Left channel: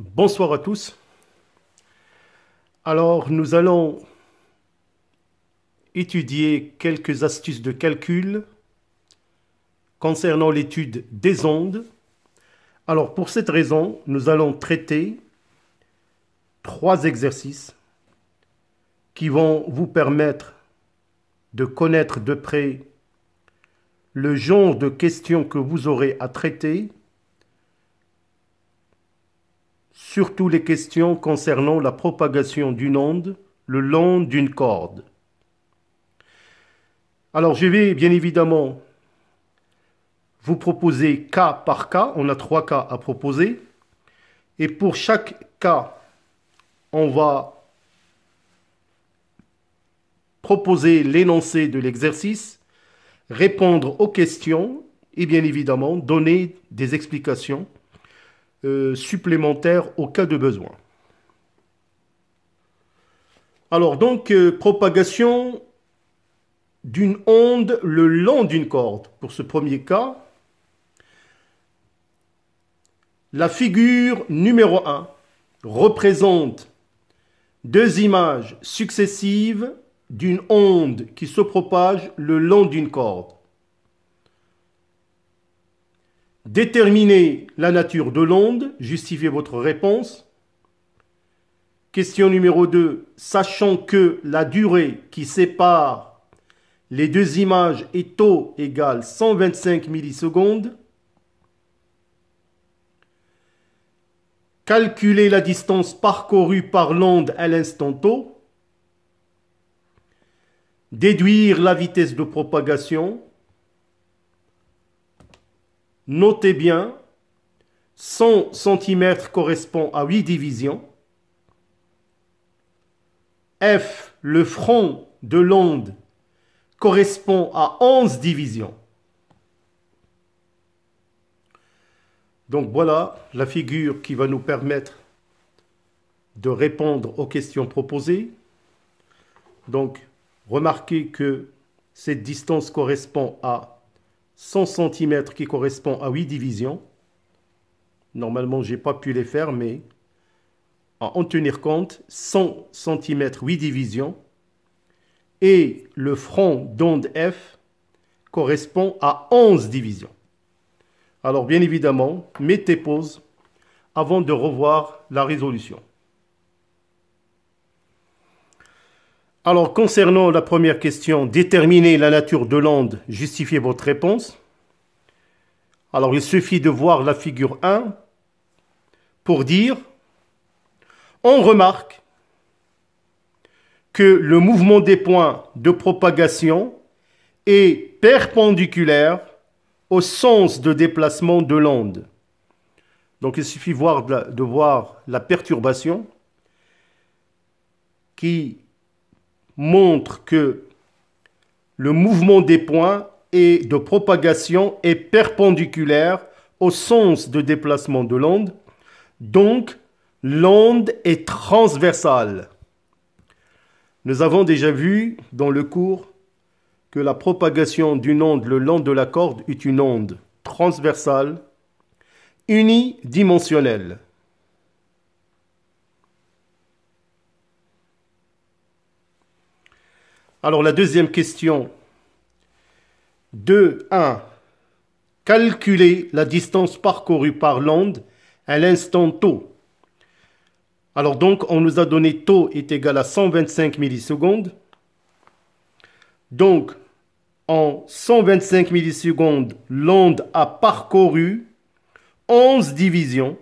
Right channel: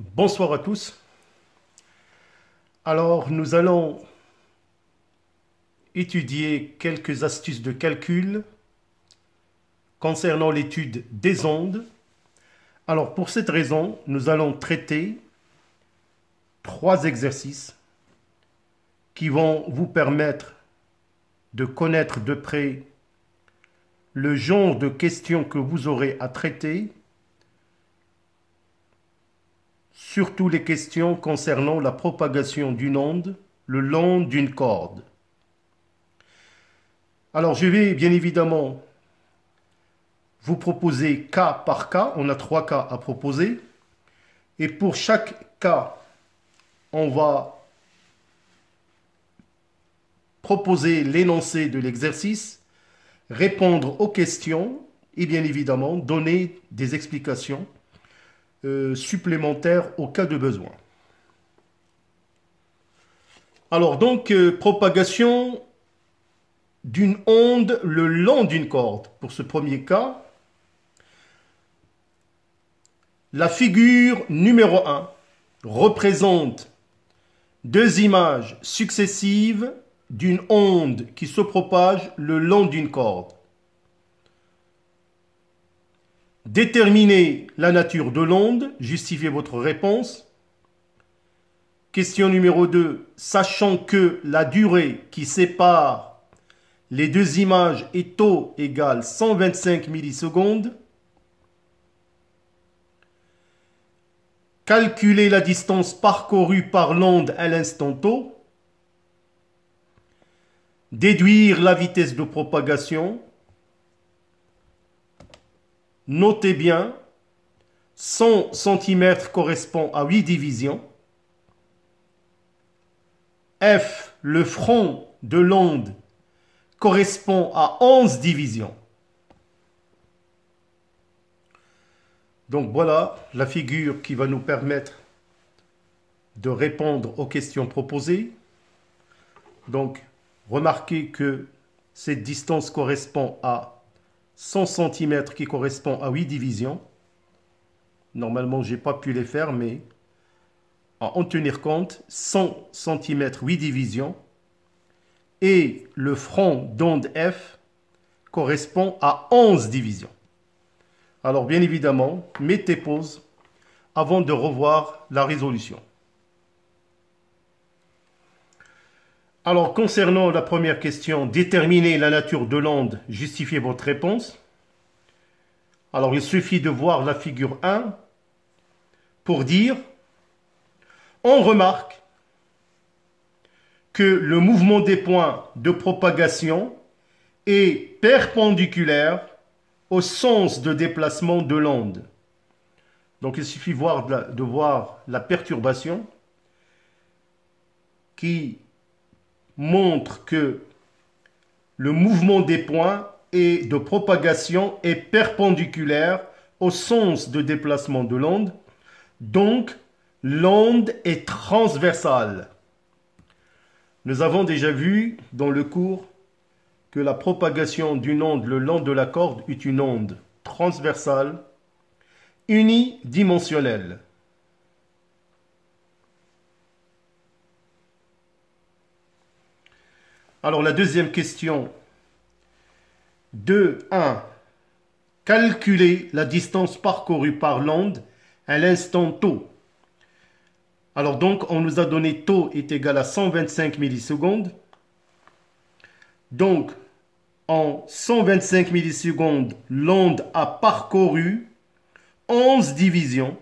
Bonsoir à tous. Alors, nous allons étudier quelques astuces de calcul concernant l'étude des ondes. Alors, pour cette raison, nous allons traiter 3 exercices qui vont vous permettre de connaître de près le genre de questions que vous aurez à traiter, surtout les questions concernant la propagation d'une onde le long d'une corde. Alors, je vais bien évidemment vous proposer cas par cas. On a 3 cas à proposer. Et pour chaque cas, on va proposer l'énoncé de l'exercice, répondre aux questions et bien évidemment donner des explications supplémentaires au cas de besoin. Alors donc, propagation d'une onde le long d'une corde. Pour ce premier cas, la figure numéro 1 représente 2 images successives d'une onde qui se propage le long d'une corde. Déterminez la nature de l'onde, justifiez votre réponse. Question numéro 2, sachant que la durée qui sépare les 2 images est tau égale 125 millisecondes. Calculez la distance parcourue par l'onde à l'instant tau. Déduire la vitesse de propagation. Notez bien, 100 cm correspond à 8 divisions. F, le front de l'onde, correspond à 11 divisions. Donc voilà la figure qui va nous permettre de répondre aux questions proposées. Donc remarquez que cette distance correspond à 100 cm qui correspond à 8 divisions. Normalement, je n'ai pas pu les faire, mais à en tenir compte, 100 cm 8 divisions. Et le front d'onde F correspond à 11 divisions. Alors bien évidemment, mettez pause avant de revoir la résolution. Alors concernant la première question, déterminez la nature de l'onde, justifiez votre réponse. Alors il suffit de voir la figure 1 pour dire, on remarque que le mouvement des points de propagation est perpendiculaire au sens de déplacement de l'onde. Donc il suffit de voir la perturbation qui montre que le mouvement des points et de propagation est perpendiculaire au sens de déplacement de l'onde. Donc l'onde est transversale. Nous avons déjà vu dans le cours que la propagation d'une onde le long de la corde est une onde transversale, unidimensionnelle. Alors la deuxième question, 2.1. Calculer la distance parcourue par l'onde à l'instant tau. Alors donc, on nous a donné tau est égal à 125 millisecondes. Donc, en 125 millisecondes, l'onde a parcouru 11 divisions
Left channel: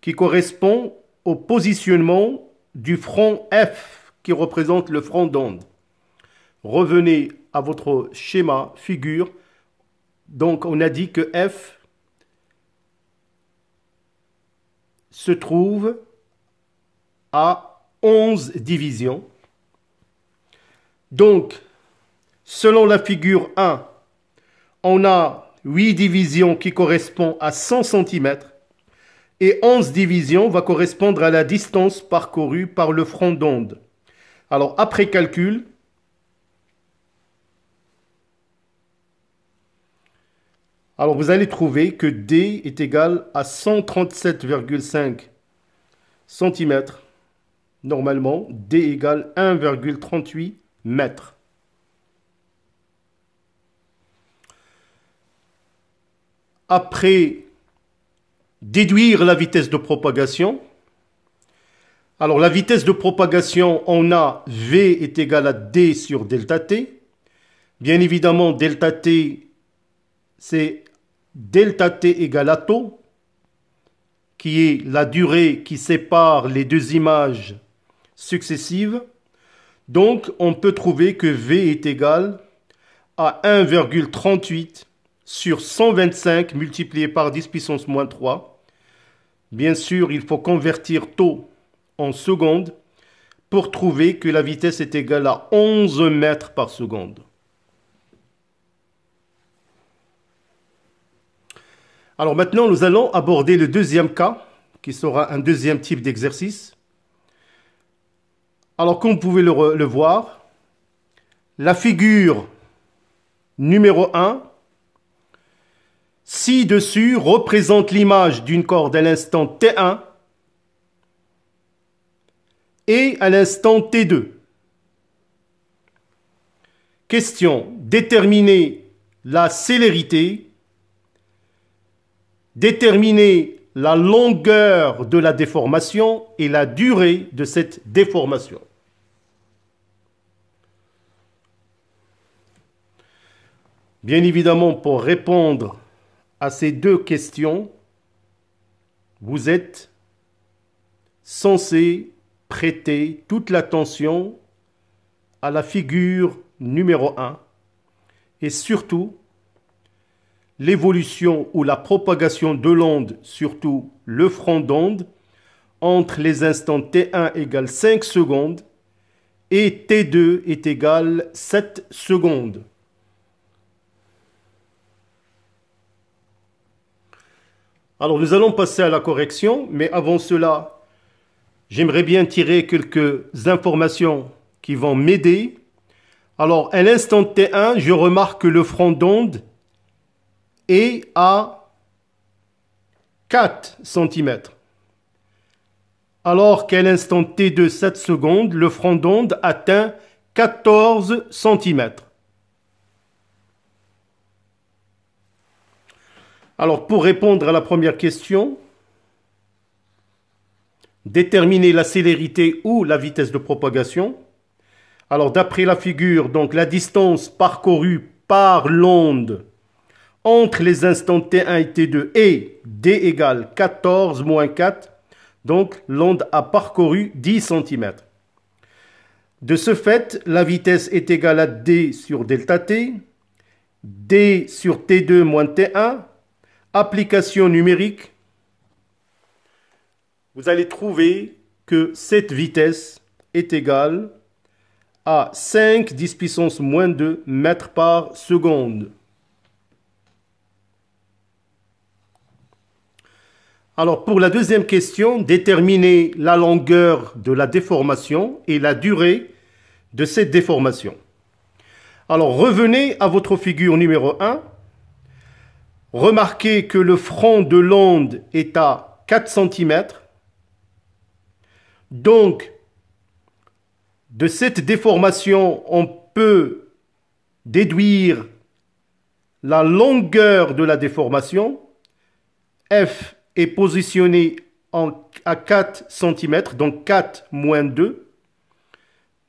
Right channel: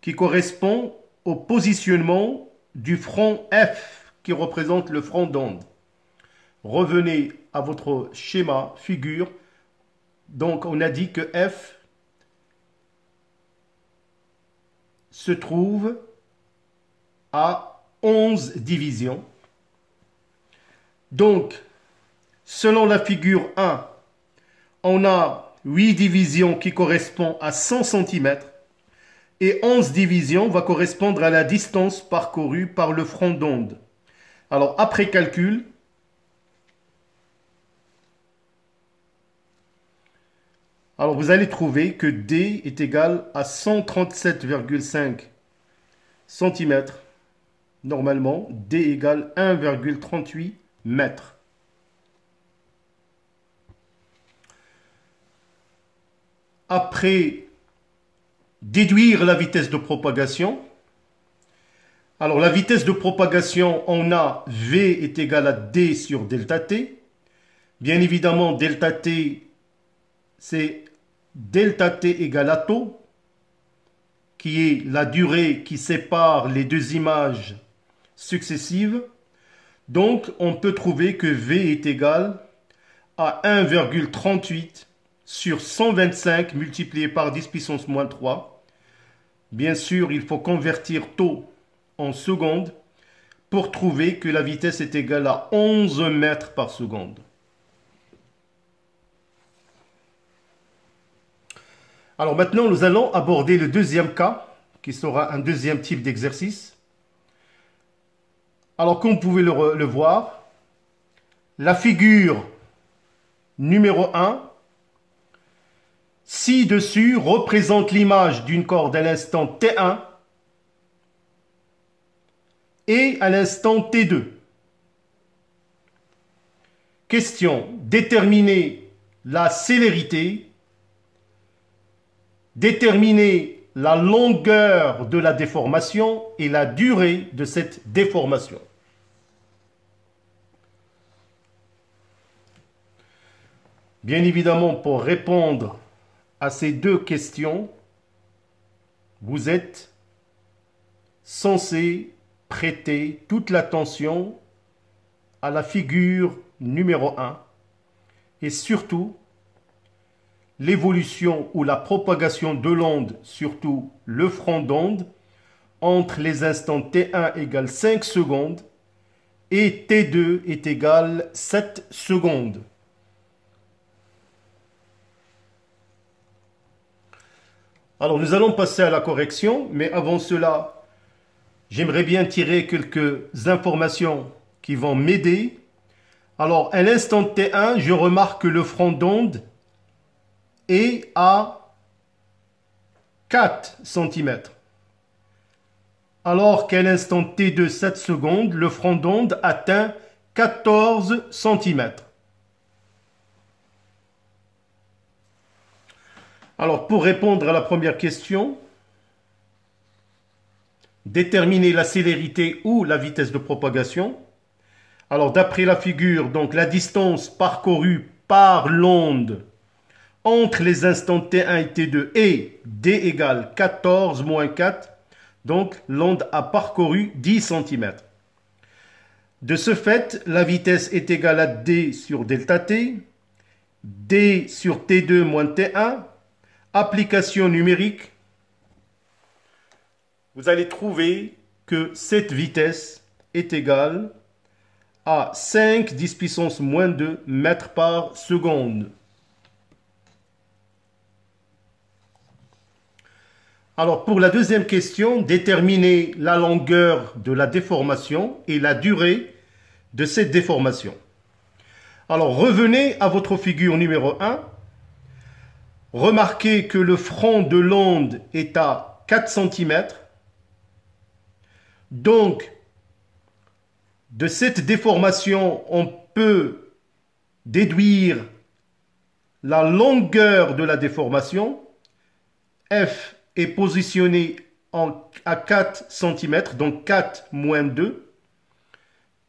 qui correspond au positionnement du front F qui représente le front d'onde. Revenez à votre schéma, figure. Donc, on a dit que F se trouve à 11 divisions. Donc, selon la figure 1, on a 8 divisions qui correspondent à 100 cm et 11 divisions va correspondre à la distance parcourue par le front d'onde. Alors, après calcul, Alors vous allez trouver que D est égal à 137,5 cm. Normalement, D égale 1,38 mètres. Après déduire la vitesse de propagation, alors la vitesse de propagation, on a V est égal à D sur delta T. Bien évidemment, delta T, c'est delta T égale à tau, qui est la durée qui sépare les deux images successives. Donc, on peut trouver que V est égal à 1,38 sur 125 multiplié par 10 puissance moins 3. Bien sûr, il faut convertir tau en secondes pour trouver que la vitesse est égale à 11 mètres par seconde. Alors maintenant, nous allons aborder le deuxième cas, qui sera un deuxième type d'exercice. Alors, comme vous pouvez le voir, la figure numéro 1, ci-dessus, représente l'image d'une corde à l'instant T1 et à l'instant T2. Question, déterminer la célérité, déterminer la longueur de la déformation et la durée de cette déformation. Bien évidemment, pour répondre à ces deux questions, vous êtes censé prêter toute l'attention à la figure numéro 1 et surtout l'évolution ou la propagation de l'onde, surtout le front d'onde, entre les instants T1 égale 5 secondes et T2 est égal 7 secondes. Alors nous allons passer à la correction, mais avant cela, j'aimerais bien tirer quelques informations qui vont m'aider. Alors à l'instant T1, je remarque que le front d'onde est à 4 cm. Alors qu'à l'instant T2, 7 secondes, le front d'onde atteint 14 cm. Alors, pour répondre à la première question, déterminer la célérité ou la vitesse de propagation. Alors, d'après la figure, donc la distance parcourue par l'onde entre les instants T1 et T2 est D égale 14 moins 4. Donc, l'onde a parcouru 10 cm. De ce fait, la vitesse est égale à D sur delta T, D sur T2 moins T1. Application numérique, vous allez trouver que cette vitesse est égale à 5 10 puissance moins 2 mètres par seconde. Alors pour la deuxième question, déterminer la longueur de la déformation et la durée de cette déformation. Alors revenez à votre figure numéro 1. Remarquez que le front de l'onde est à 4 cm. Donc, de cette déformation, on peut déduire la longueur de la déformation. F est positionné à 4 cm, donc 4 moins 2.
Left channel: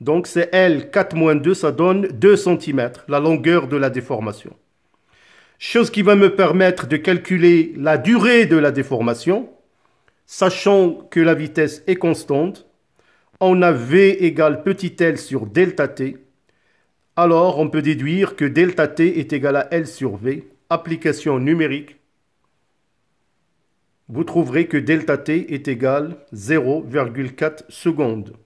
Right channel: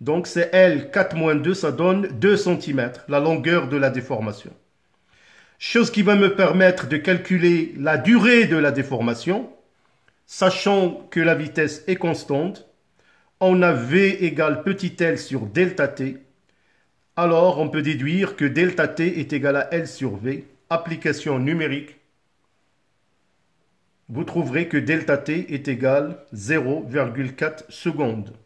Donc, c'est L, 4 moins 2, ça donne 2 cm, la longueur de la déformation. Chose qui va me permettre de calculer la durée de la déformation, sachant que la vitesse est constante. On a V égale petit l sur delta t. Alors, on peut déduire que delta t est égal à L sur V. Application numérique. Vous trouverez que delta t est égal à 0,4 secondes.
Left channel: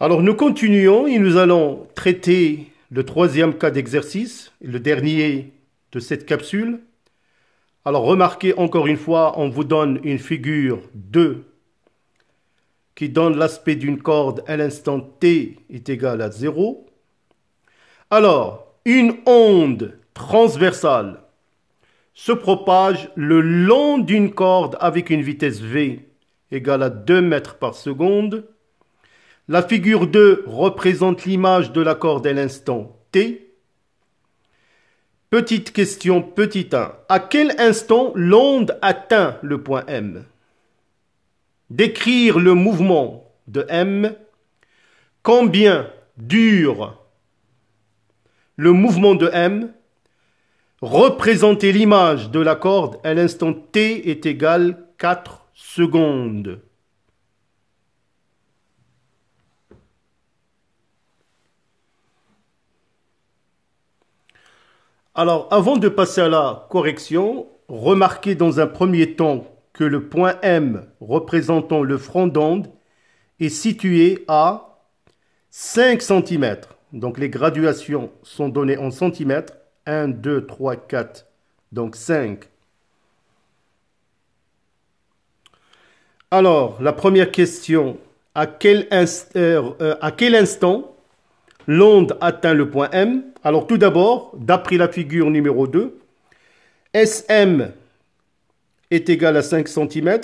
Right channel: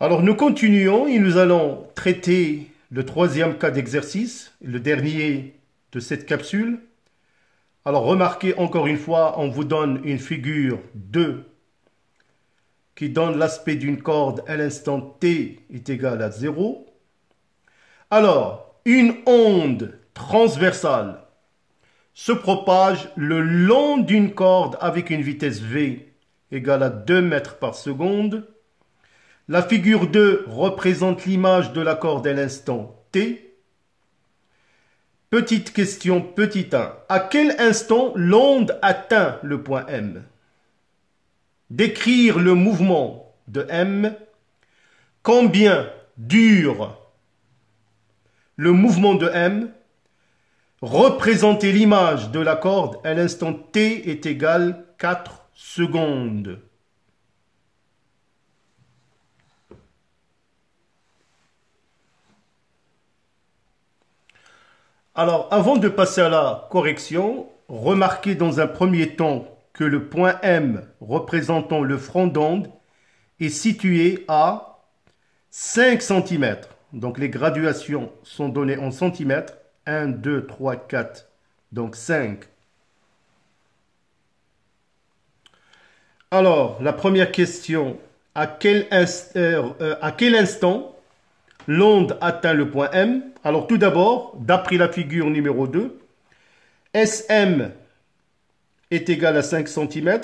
Alors nous continuons et nous allons traiter le troisième cas d'exercice, le dernier de cette capsule. Alors remarquez encore une fois, on vous donne une figure 2 qui donne l'aspect d'une corde à l'instant t est égal à 0. Alors, une onde transversale se propage le long d'une corde avec une vitesse v égale à 2 mètres par seconde. La figure 2 représente l'image de la corde à l'instant t. Petite question, petit 1. À quel instant l'onde atteint le point M? Décrire le mouvement de M. Combien dure le mouvement de M? Représenter l'image de la corde à l'instant t est égal 4 secondes. Alors, avant de passer à la correction, remarquez dans un premier temps que le point M représentant le front d'onde est situé à 5 cm. Donc, les graduations sont données en centimètres. 1, 2, 3, 4, donc 5. Alors, la première question, à quel instant l'onde atteint le point M? Alors, tout d'abord, d'après la figure numéro 2, SM est égal à 5 cm.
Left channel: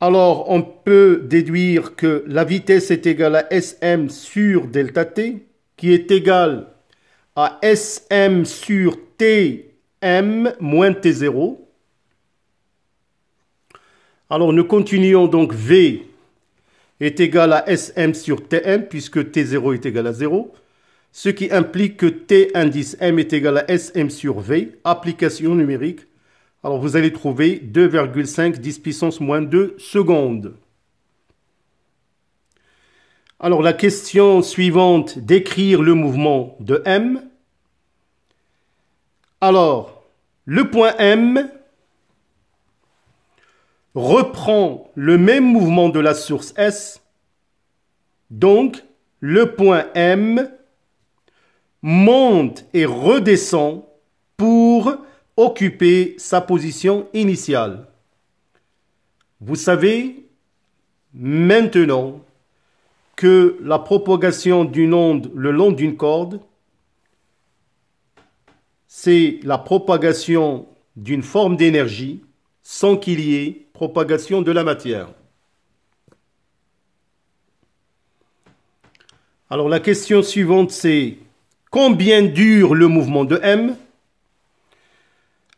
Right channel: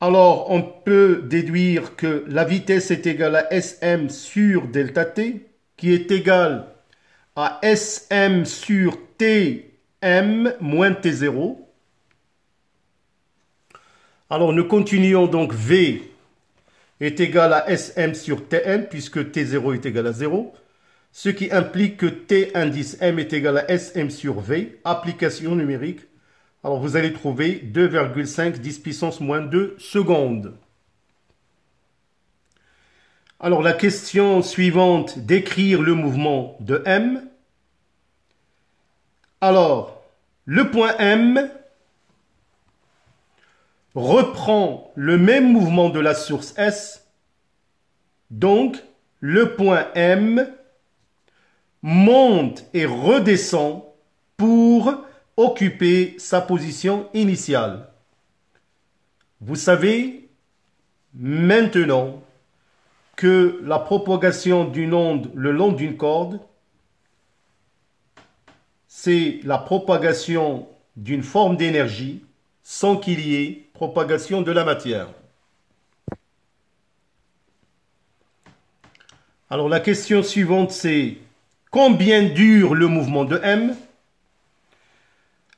Alors, on peut déduire que la vitesse est égale à SM sur delta T, qui est égal à SM sur Tm moins T0. Alors, nous continuons donc V est égal à SM sur Tm, puisque T0 est égal à 0, ce qui implique que T indice M est égal à SM sur V, application numérique. Alors, vous allez trouver 2,5 10 puissance moins 2 secondes. Alors, la question suivante, décrire le mouvement de M. Alors, le point M reprend le même mouvement de la source S. Donc, le point M monte et redescend pour occuper sa position initiale. Vous savez maintenant que la propagation d'une onde le long d'une corde, c'est la propagation d'une forme d'énergie sans qu'il y ait propagation de la matière. Alors la question suivante, c'est combien dure le mouvement de M?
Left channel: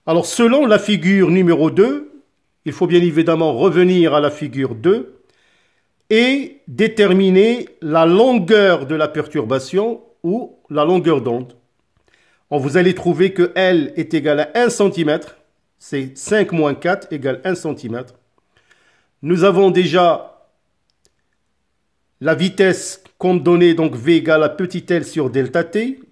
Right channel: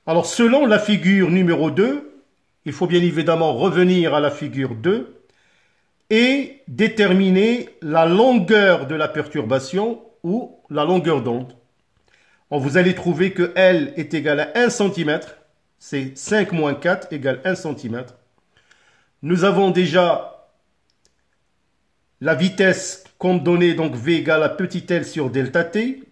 Alors selon la figure numéro 2, il faut bien évidemment revenir à la figure 2 et déterminer la longueur de la perturbation ou la longueur d'onde. Vous allez trouver que L est égal à 1 cm, c'est 5 moins 4 égale 1 cm. Nous avons déjà la vitesse comme donnée, donc V égale à petit l sur delta t.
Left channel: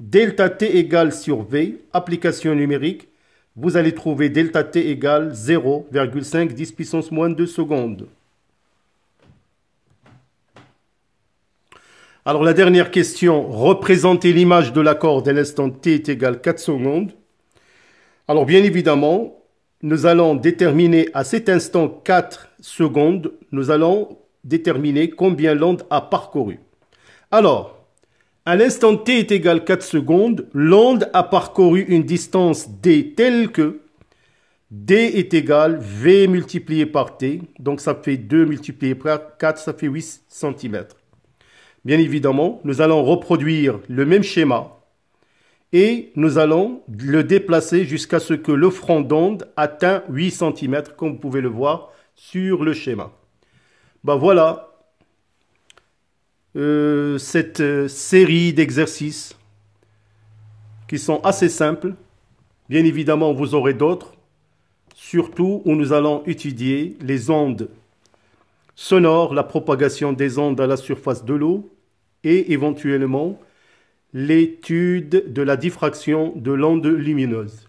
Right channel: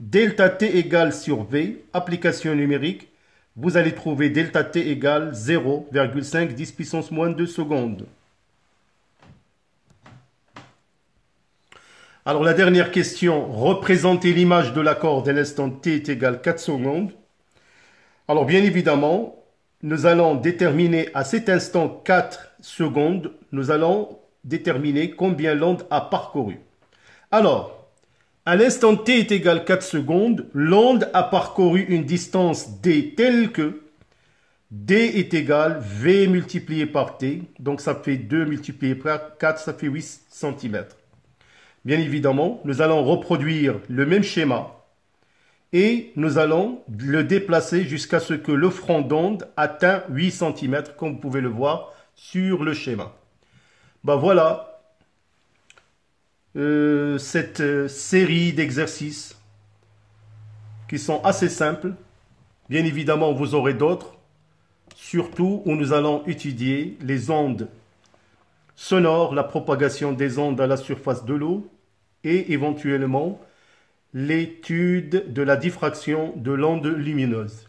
Delta t égale sur V, application numérique. Vous allez trouver delta t égale 0,5 10 puissance moins 2 secondes. Alors la dernière question, représenter l'image de la corde à l'instant t est égal 4 secondes. Alors bien évidemment, nous allons déterminer à cet instant 4 secondes, nous allons déterminer combien l'onde a parcouru. Alors, à l'instant t est égal 4 secondes, l'onde a parcouru une distance d telle que d est égal v multiplié par t, donc ça fait 2 multiplié par 4, ça fait 8 cm. Bien évidemment, nous allons reproduire le même schéma et nous allons le déplacer jusqu'à ce que le front d'onde atteint 8 cm, comme vous pouvez le voir sur le schéma. Ben voilà cette série d'exercices qui sont assez simples. Bien évidemment, vous aurez d'autres, surtout où nous allons étudier les ondes sonores, la propagation des ondes à la surface de l'eau et éventuellement l'étude de la diffraction de l'onde lumineuse.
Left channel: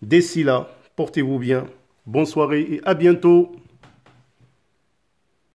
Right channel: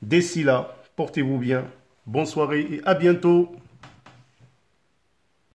D'ici là, portez-vous bien. Bonne soirée et à bientôt.